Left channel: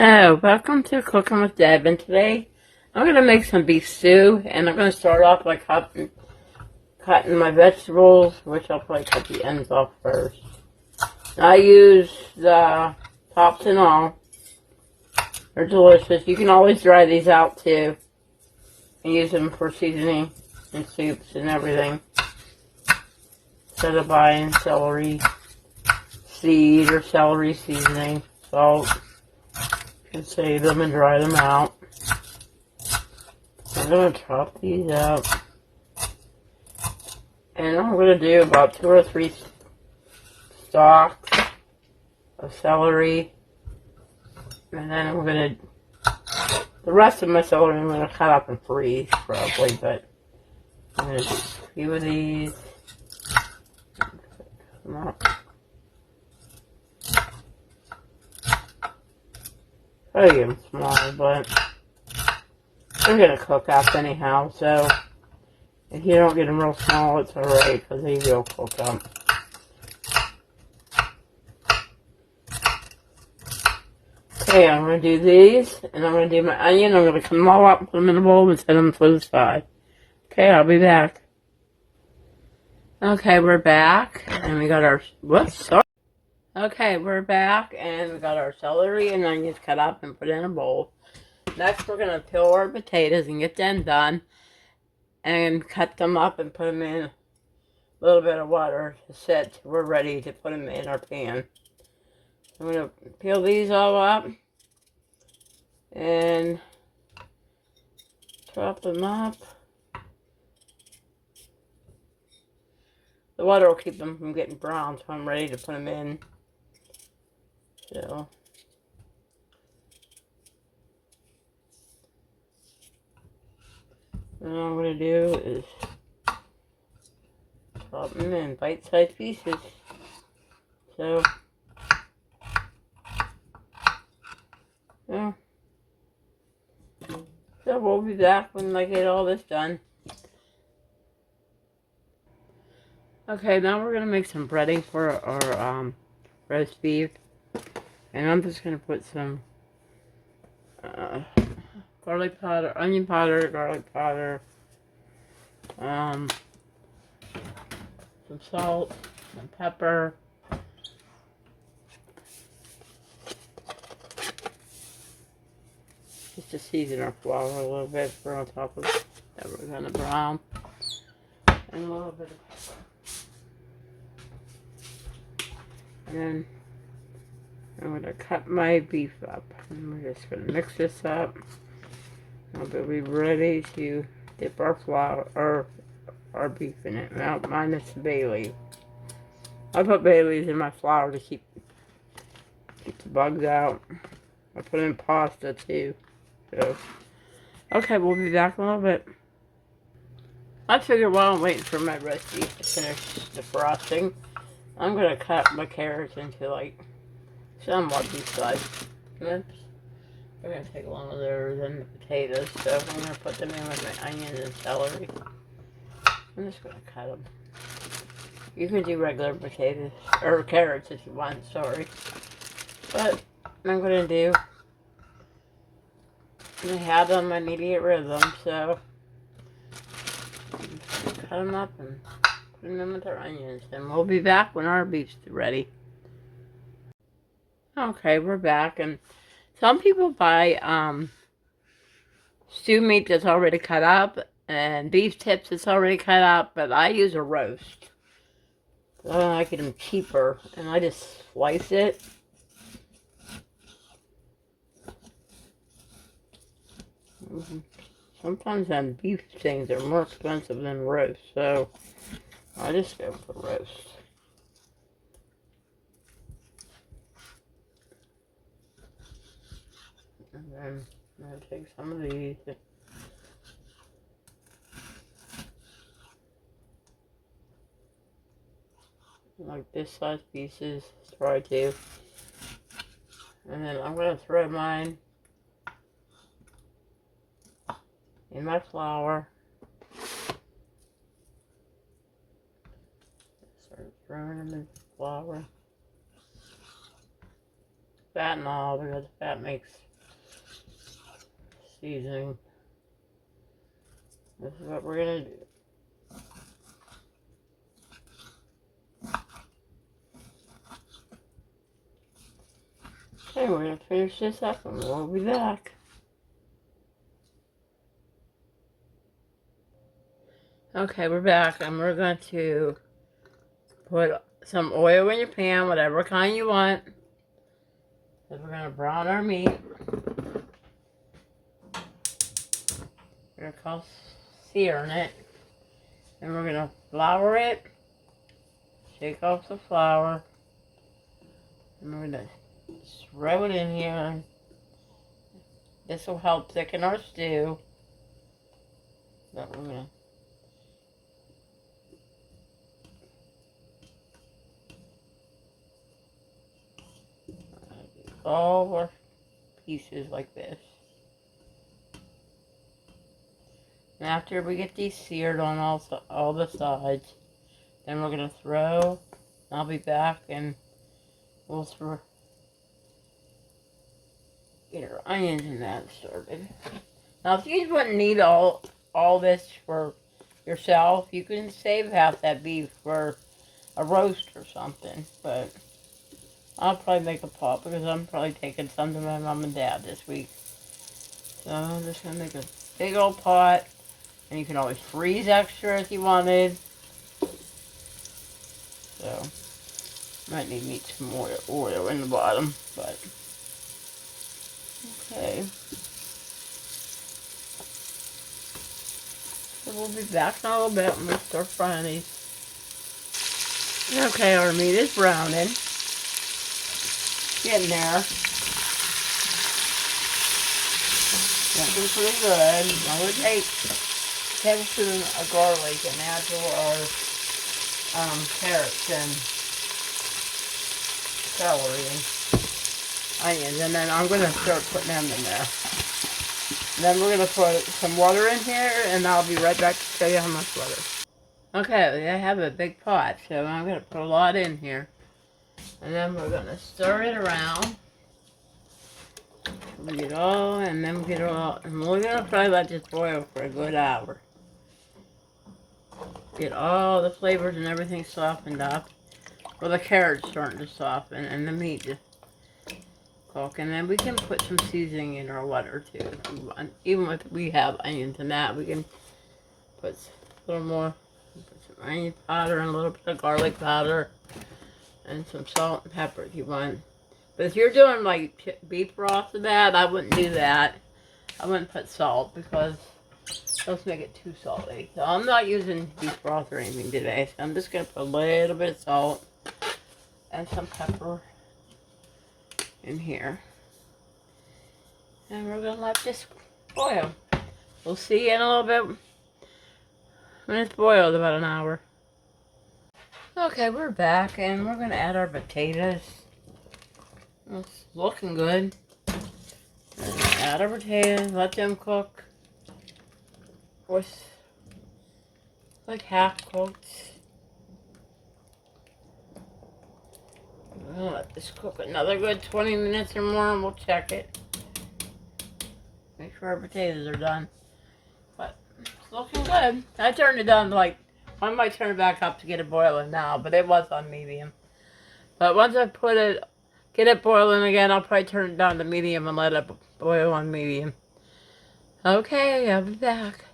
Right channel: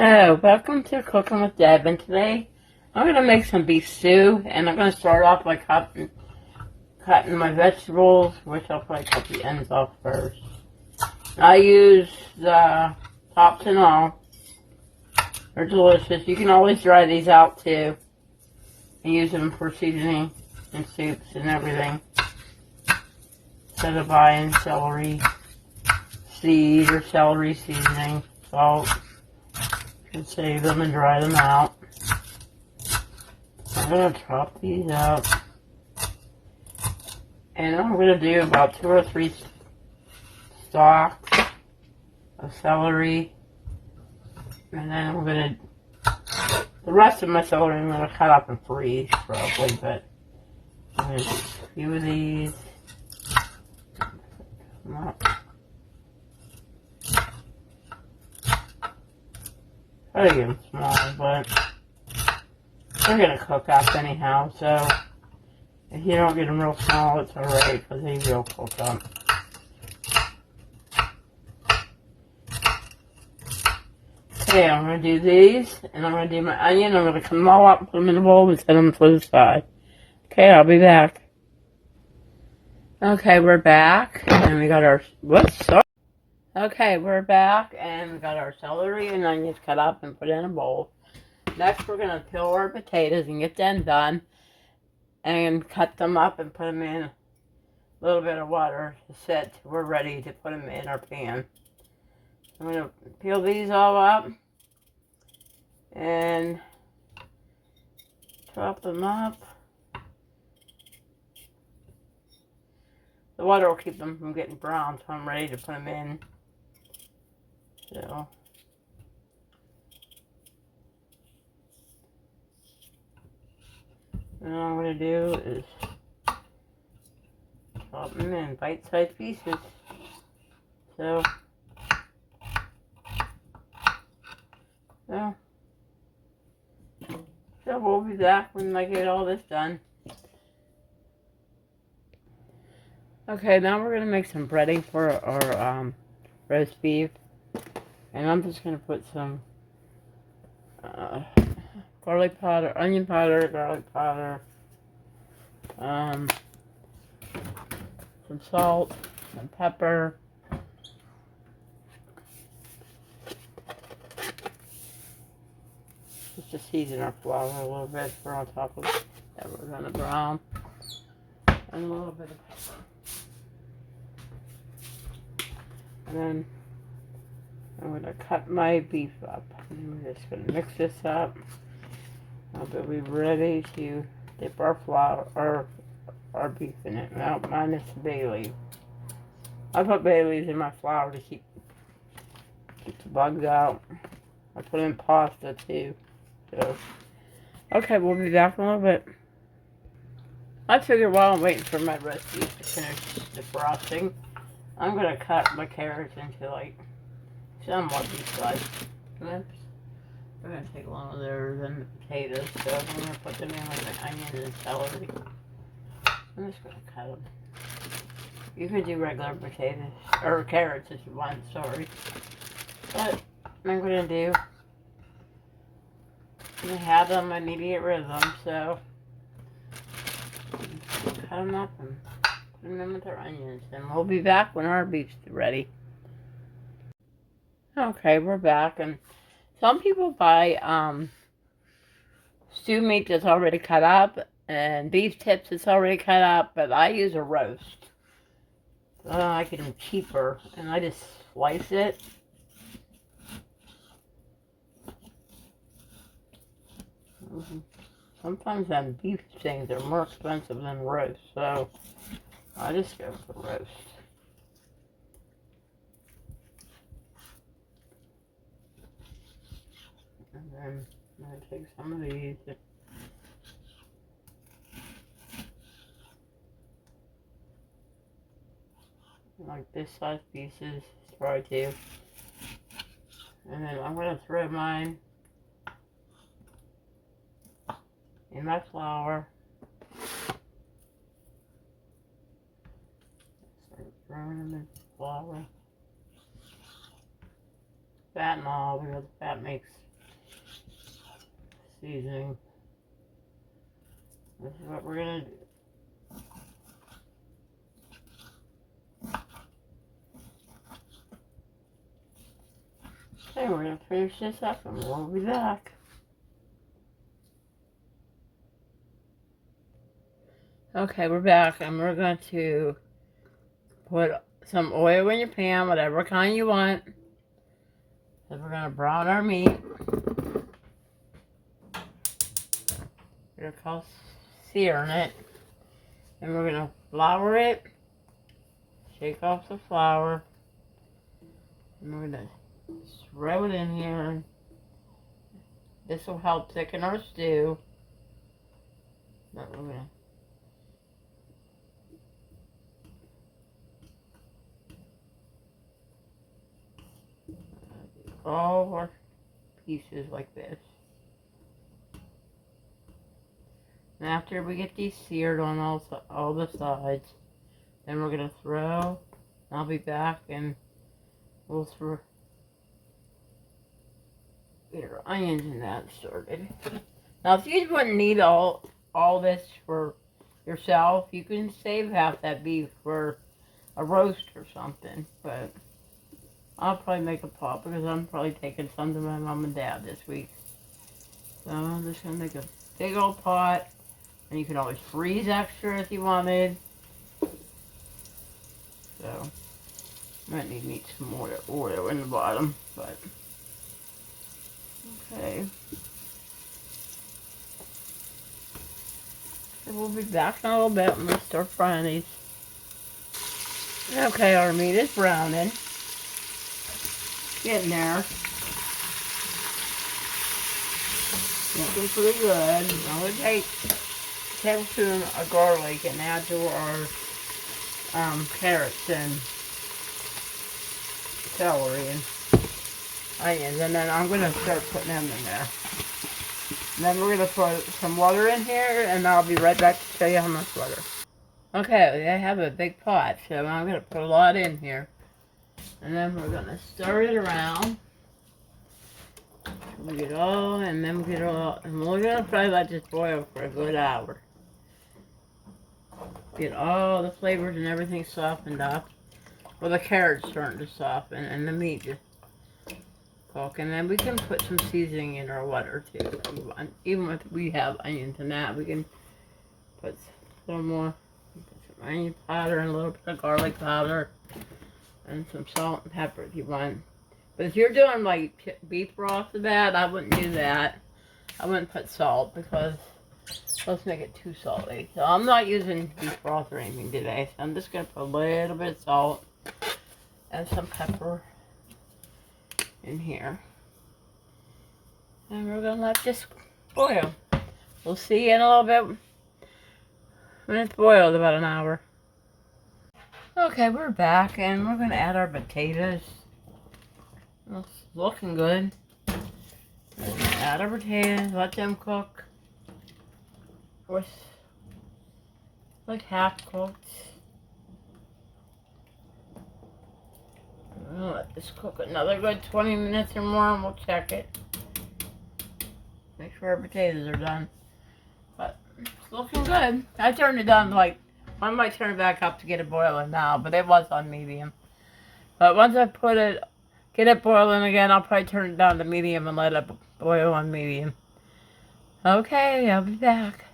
Hello, welcome to Cooking with Deb, and today I'm going to make some beef stew, and I'm going to start off by cutting my vegetables, which I'll probably cut the ends off first. I use the tops and all. They're delicious. You can always dry these out too, and use them for seasoning and soups and everything. Instead of buying celery seed or celery seasoning, salt. And save them and dry them out. I'm going to chop these up. And I'm going to do about 2 or 3 stalks of celery. And then I'm going to, the rest of my celery I'm going to cut up and freeze probably, but I'm going to do a few of these. Come up. Try to get them small, but they're going to cook up anyhow, so if you don't get them real small, it's alright, because they will cook up. Okay, I'm going to do these, and I'm going to do my onion. I'm going to cut them all up, put them in a bowl, and set them to the side. Okay, I'll be back. Okay, we're back, and we got our, sorry. Okay, we're back, and we got our celery and onions cut up and put in a bowl. Next, we're going to peel our potatoes and get them done, and cut them up and put them in a little bit of water to sit. We're ready to put them in our pan. I'm going to peel these all up and chop them up. The water will keep them from getting brown, so I'm ready to put them in. So, what I'm going to do is chop them in bite-sized pieces. So, yeah. So we'll be back when I get all this done. Okay, now we're going to make some breading for our roast beef. And I'm just going to put some garlic powder, onion powder, garlic powder, some salt, some pepper, just to season our flour a little bit for on top of that we're going to brown, and a little bit of pepper. And then I'm going to cut my beef up, and we're just going to mix this up. We'll be ready to dip our flour, or our beef in it. Now, minus the bay leaf. I put bay leaves in my flour to keep the bugs out. I put in pasta too. So, okay, we'll be back in a little bit. I figure while I'm waiting for my roast beef to finish the frosting, I'm going to cut my carrots into like somewhat decent-sized strips. They're going to take longer than the potatoes, so I'm going to put them in with my onions and celery. I'm just going to cut them. You can do regular potatoes, or carrots if you want, sorry. But I'm going to do, I have them, I need to get rid of them, so cut them up and put them in with our onions. And we'll be back when our beef's ready. Okay, we're back, and some people buy stew meat that's already cut up and beef tips that's already cut up, but I use a roast. I like them cheaper, and I just slice it. Sometimes them beef things are more expensive than roast, so I just go for roast. And then I'm going to take some of these. Like this size pieces, try to. And then I'm going to throw mine in my flour. Start throwing them in flour. Fat and all, because fat makes seasoning. This is what we're gonna do. Okay, we're gonna finish this up and we'll be back. Okay, we're back and we're going to put some oil in your pan, whatever kind you want. Then we're gonna brown our meat. We're gonna call searing it. Then we're gonna flour it. Shake off the flour. And we're gonna throw it in here. This will help thicken our stew. But we're gonna do all our pieces like this. And after we get these seared on all the sides, then we're gonna throw. I'll be back and we'll throw get our onions and that started. Now, if you wouldn't need all this for yourself, you can save half that beef for a roast or something. But I'll probably make a pot because I'm probably taking some to my mom and dad this week. So I'm just gonna make a big old pot, and you can always freeze extra if you wanted. So might need some more oil in the bottom, but okay. So we'll be back in a little bit when we start frying these. Okay, our meat is browning. Getting there. Looking pretty good. Now we take a tablespoon of garlic and add to our carrots and celery and onions, and then I'm going to start putting them in there. And then we're going to put some water in here, and I'll be right back to show you how much water. Okay, I have a big pot, so I'm going to put a lot in here. And then we're going to stir it around. We get all, and then we get all, and we're going to probably let this boil for a good hour. Get all the flavors and everything softened up. Well, the carrot's starting to soften, and the meat just cook. And then we can put some seasoning in our water too. Even if we have onions and that, we can put a little more, put some onion powder and a little bit of garlic powder, and some salt and pepper if you want. But if you're doing like beef broth or that, I wouldn't do that. I wouldn't put salt because let's make it too salty. So I'm not using beef broth or anything today. So I'm just going to put a little bit of salt and some pepper in here. And we're going to let this boil. We'll see you in a little bit when it's boiled, about an hour. Okay, we're back and we're going to add our potatoes. It's looking good. Add our potatoes, let them cook. With like half cooked. I'll let this cook another good 20 minutes or more and we'll check it. Make sure our potatoes are done. But it's looking good. I turned it down like, I might turn it back up to get it boiling now, but it was on medium. But once I get it boiling again, I'll probably turn it down to medium and let it boil on medium. Okay, I'll be back.